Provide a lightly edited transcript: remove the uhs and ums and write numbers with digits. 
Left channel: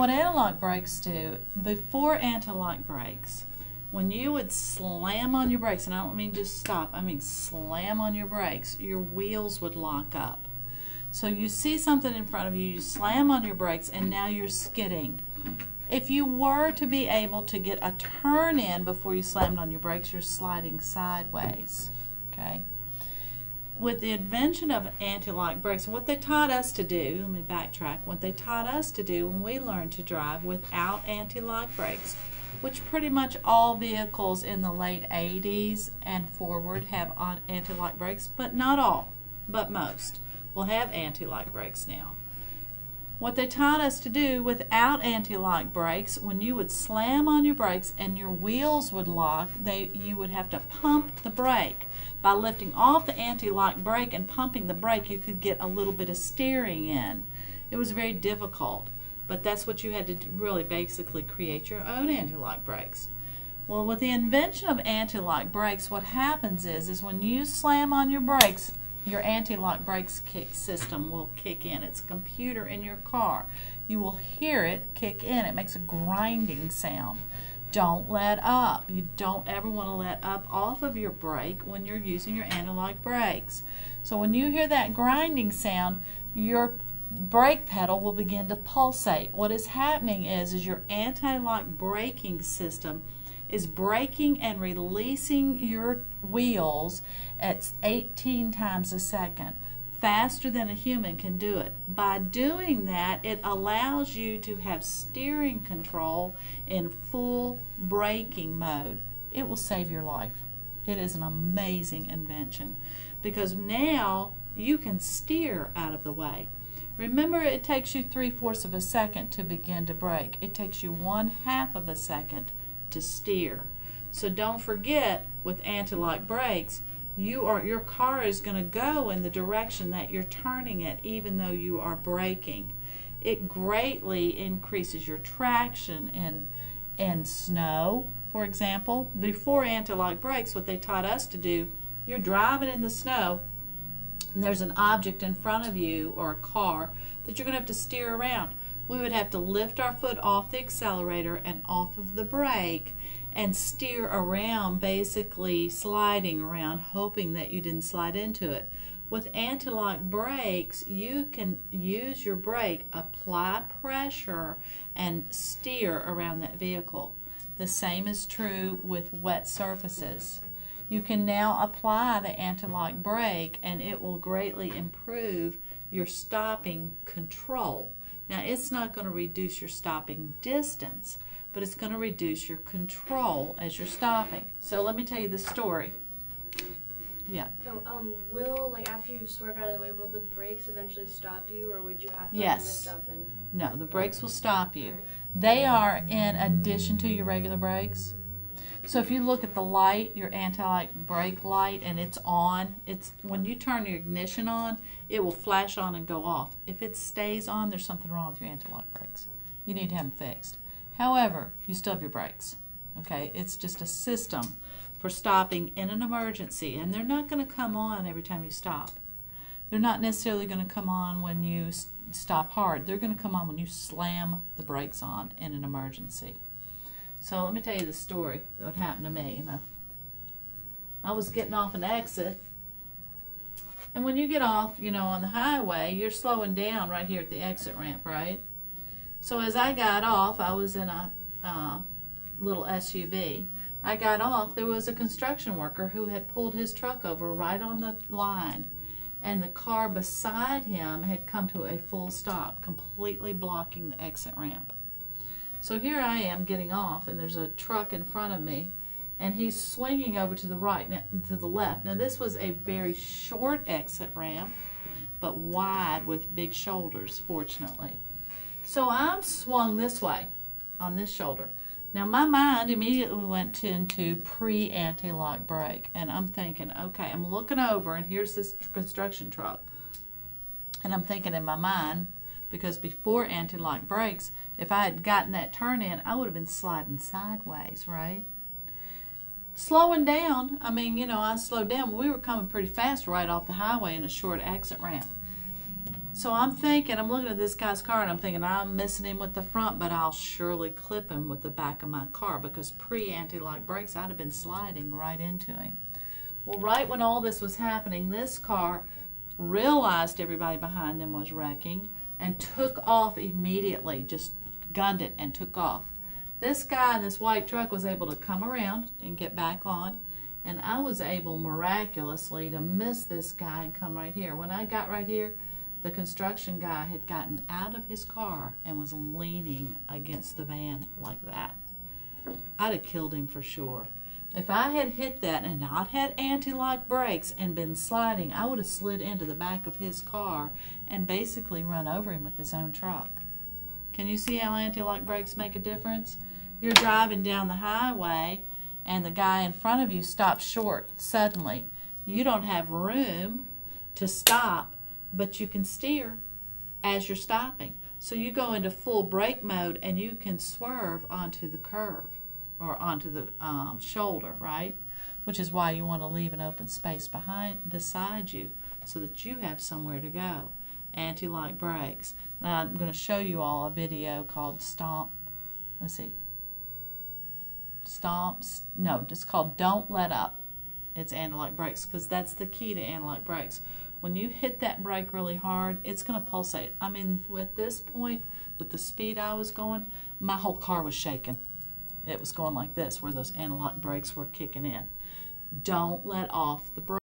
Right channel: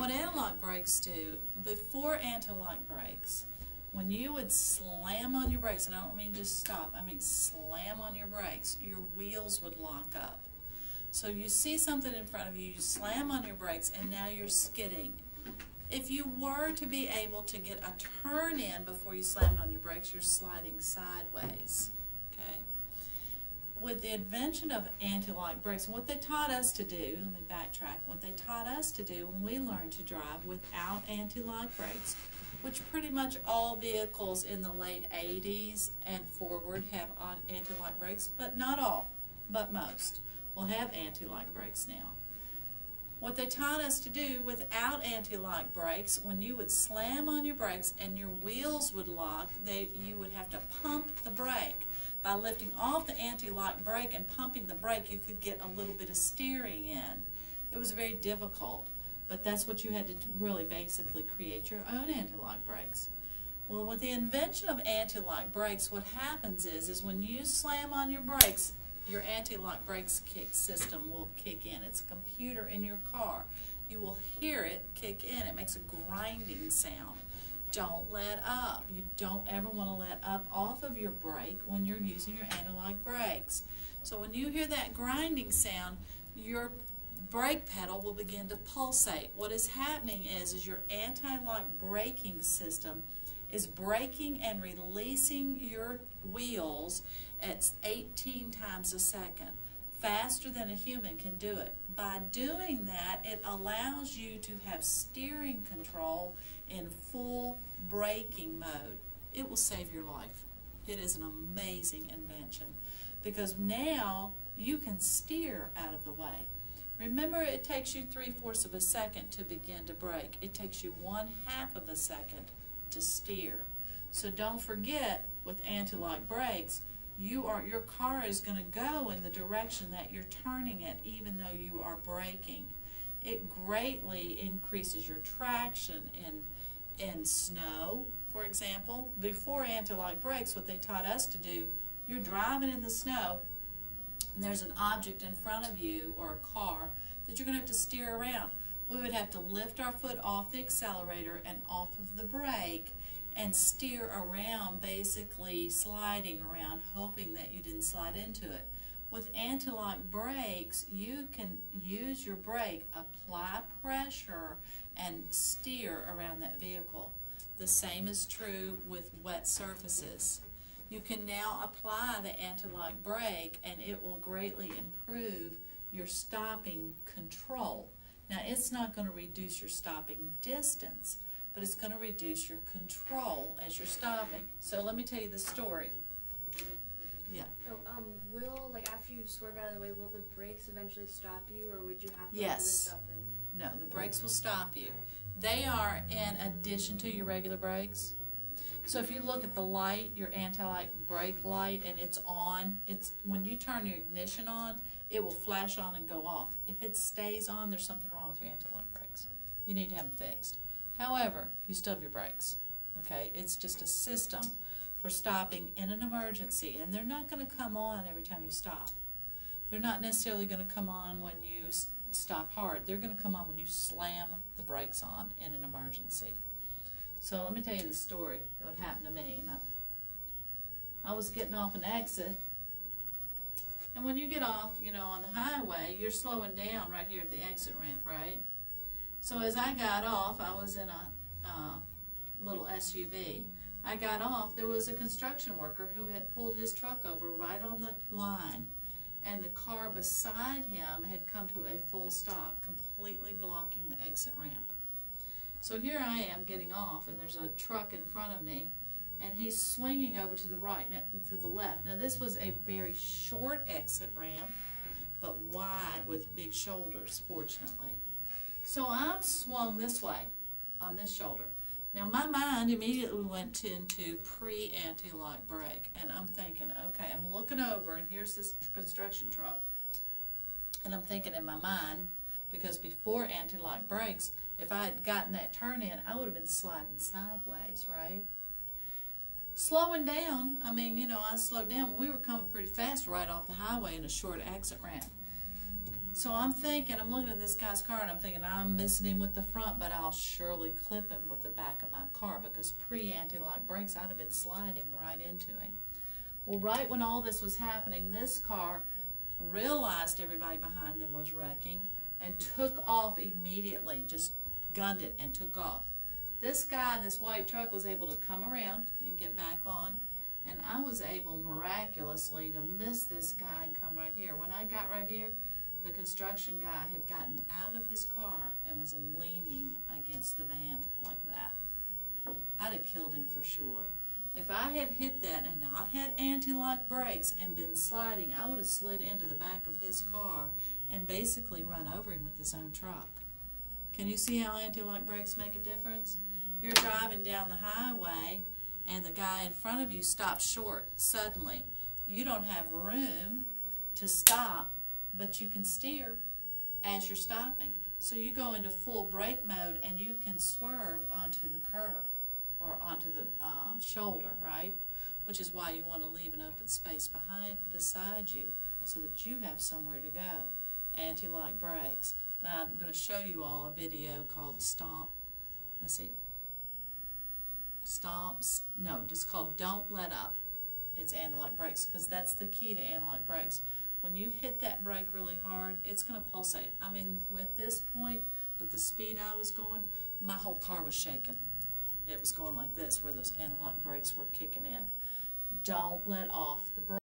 what anti-lock brakes do, before anti-lock brakes, when you would slam on your brakes, and I don't mean just stop, I mean slam on your brakes, your wheels would lock up. So you see something in front of you, you slam on your brakes, and now you're skidding. If you were to be able to get a turn in before you slammed on your brakes, you're sliding sideways. Okay? With the invention of anti-lock brakes, and what they taught us to do, let me backtrack, what they taught us to do when we learned to drive without anti-lock brakes, which pretty much all vehicles in the late 80s and forward have anti-lock brakes, but not all, but most will have anti-lock brakes now. What they taught us to do without anti-lock brakes, when you would slam on your brakes and your wheels would lock, you would have to pump the brake. By lifting off the anti-lock brake and pumping the brake, you could get a little bit of steering in. It was very difficult, but that's what you had to really basically create your own anti-lock brakes. Well, with the invention of anti-lock brakes, what happens is when you slam on your brakes, your anti-lock brakes system will kick in. It's a computer in your car. You will hear it kick in. It makes a grinding sound. Don't let up. You don't ever want to let up off of your brake when you're using your anti-lock brakes. So when you hear that grinding sound, your brake pedal will begin to pulsate. What is happening is your anti-lock braking system is braking and releasing your wheels at 18 times a second, faster than a human can do it. By doing that, it allows you to have steering control in full braking mode. It will save your life. It is an amazing invention because now you can steer out of the way. Remember, it takes you 3/4 of a second to begin to brake. It takes you 1/2 of a second to steer. So don't forget, with anti-lock brakes, your car is going to go in the direction that you're turning it, even though you are braking. It greatly increases your traction in snow, for example. Before anti-lock brakes, what they taught us to do, you're driving in the snow, and there's an object in front of you or a car that you're going to have to steer around. We would have to lift our foot off the accelerator and off of the brake and steer around, basically sliding around, hoping that you didn't slide into it. With anti-lock brakes, you can use your brake, apply pressure, and steer around that vehicle. The same is true with wet surfaces. You can now apply the anti-lock brake, and it will greatly improve your stopping control. Now, it's not going to reduce your stopping distance, but it's going to reduce your control as you're stopping. So let me tell you the story. Yeah. So, after you swerve out of the way, will the brakes eventually stop you, or would you have to Yes. lift up and? No, the brakes will stop you. Right. They are in addition to your regular brakes. So if you look at the light, your anti-lock brake light, and it's on, when you turn your ignition on, it will flash on and go off. If it stays on, there's something wrong with your anti-lock brakes. You need to have them fixed. However, you still have your brakes. Okay, it's just a system for stopping in an emergency, and they're not going to come on every time you stop. They're not necessarily going to come on when you stop hard. They're going to come on when you slam the brakes on in an emergency. So let me tell you the story that happened to me. I was getting off an exit, and when you get off, on the highway, you're slowing down right here at the exit ramp, right? So as I got off, I was in a little SUV. I got off, there was a construction worker who had pulled his truck over right on the line, and the car beside him had come to a full stop, completely blocking the exit ramp. So here I am getting off, and there's a truck in front of me, and he's swinging over to the right, to the left. Now this was a very short exit ramp, but wide with big shoulders, fortunately. So I'm swung this way on this shoulder. Now my mind immediately went into pre-anti-lock brake, and I'm thinking, okay, I'm looking over, and here's this construction truck. And I'm thinking in my mind, because before anti-lock brakes, if I had gotten that turn in, I would have been sliding sideways, right? Slowing down, I slowed down. We were coming pretty fast right off the highway in a short exit ramp. So I'm thinking, I'm looking at this guy's car and I'm thinking I'm missing him with the front, but I'll surely clip him with the back of my car because pre-anti-lock brakes, I'd have been sliding right into him. Well, right when all this was happening, this car realized everybody behind them was wrecking and took off immediately, just gunned it and took off. This guy in this white truck was able to come around and get back on, and I was able miraculously to miss this guy and come right here. When I got right here, the construction guy had gotten out of his car and was leaning against the van like that. I'd have killed him for sure. If I had hit that and not had anti-lock brakes and been sliding, I would have slid into the back of his car and basically run over him with his own truck. Can you see how anti-lock brakes make a difference? You're driving down the highway and the guy in front of you stops short suddenly. You don't have room to stop, but you can steer as you're stopping. So you go into full brake mode and you can swerve onto the curve or onto the shoulder, right? Which is why you want to leave an open space beside you so that you have somewhere to go. Anti-lock brakes. Now I'm going to show you all a video called Stomp. Let's see. No, it's called Don't Let Up. It's anti-lock brakes because that's the key to anti-lock brakes. When you hit that brake really hard, it's going to pulsate. I mean, at this point, with the speed I was going, my whole car was shaking. It was going like this, where those anti-lock brakes were kicking in. Don't let off the brake.